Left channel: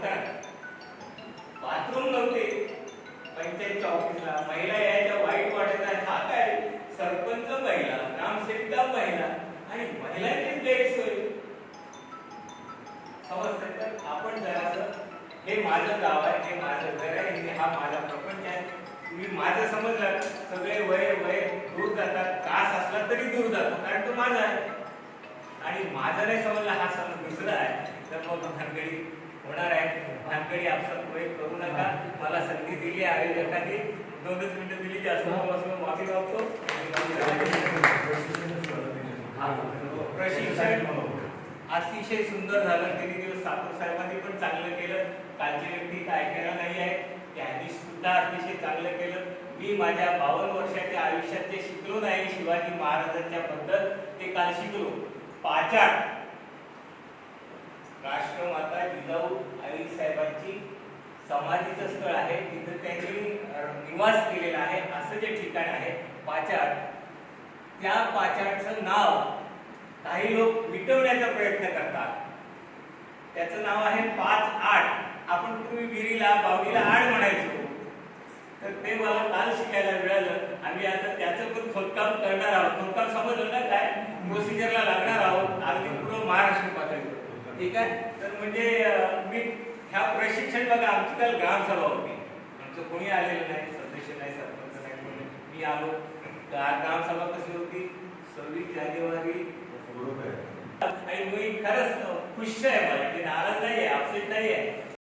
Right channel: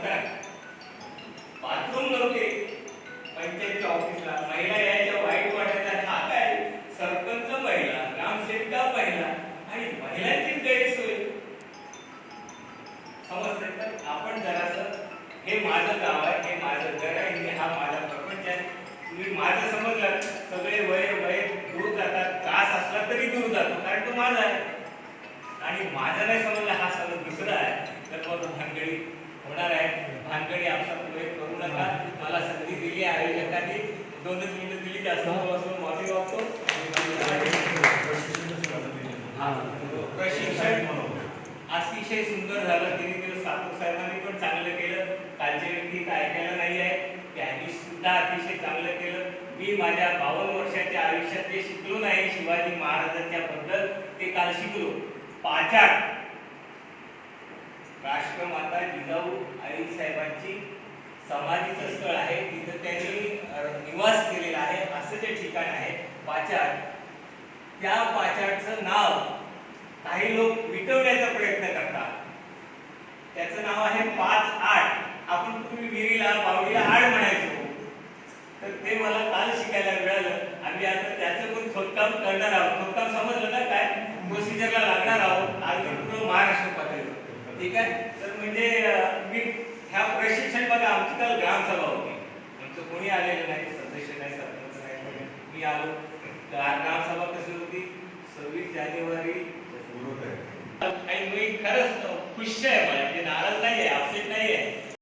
करा बाथरूम नव्हते. पंचायतच्या ऑफिसला महिला यायच्या वाईट वाटायचा हा काय सरपंच महिला ग्रामसेविका महिला आणि महिलांची गैरसोय. समजते तर आपण जरासं हे माझं गाव आहे हे माझं घर आहे हे हा माझा प्रपंच आहे. तुम्ही माझं समजलं सगळे वय वय दूर जातात त्रास असला तरी दूर जातो कारण तो माझा आहे. आणि माझा नाही समजला हा सगळं दुसरा आहे. तर आयोजकांनी दोनच मिनिटं दिली जास्त पासून माफी मागतो. हा, प्रशिक्षण अतिशय सुंदर झालं. त्यांनी केलं सापूर साहेबांनी पण चांगलं केलं. कालचे व्यक्ती काय नाही आहे. त्यांनी सुद्धा अतिशय चांगलं केलं. मी माझ्या बावन्न वर्षाच्या आयुष्यात जे शिकलो नाही शिवाजी महाराजांच्या बद्दल ते काल शिकलो. पाचाड राष्ट्रमाता जिजाऊ आई साहेबांची समाधीचं स्थळ आहे तिथं त्यांनी निवास केलेला आहे असं जे ठिकाण आहे पाचाड त्या पाचाडचं नाव काही लोक मिटवण्याचा प्रयत्न करतात. त्याचं नाव आहे पाच आठ आपण पूर्वी विहिरीला बावडीला आड म्हणायचो. तर ते मला काल शिकायला मिळालं. आम्ही आता त्याचं पण खोदकाम करणार आहोत. खोदकाम समजलं ना काय? प्रोसिजरला लागणार आहोत. आज पूर्ण महाराष्ट्र पातळीवर. ठीक आहे? तर म्हणजे मी ह्या प्रशिक्षण बघा आमची काल ग्रामसभा होती. आमचं कोणी आलेलं नाही सदस्य नाही सरपंच नाही कोणी. मी आलो. ग्रामसभा कशी होती? सव्वीस जानेवारी. आणि मी खरंच खुश आहे मला. नाराज नाही आहे अपसेट नाही आहे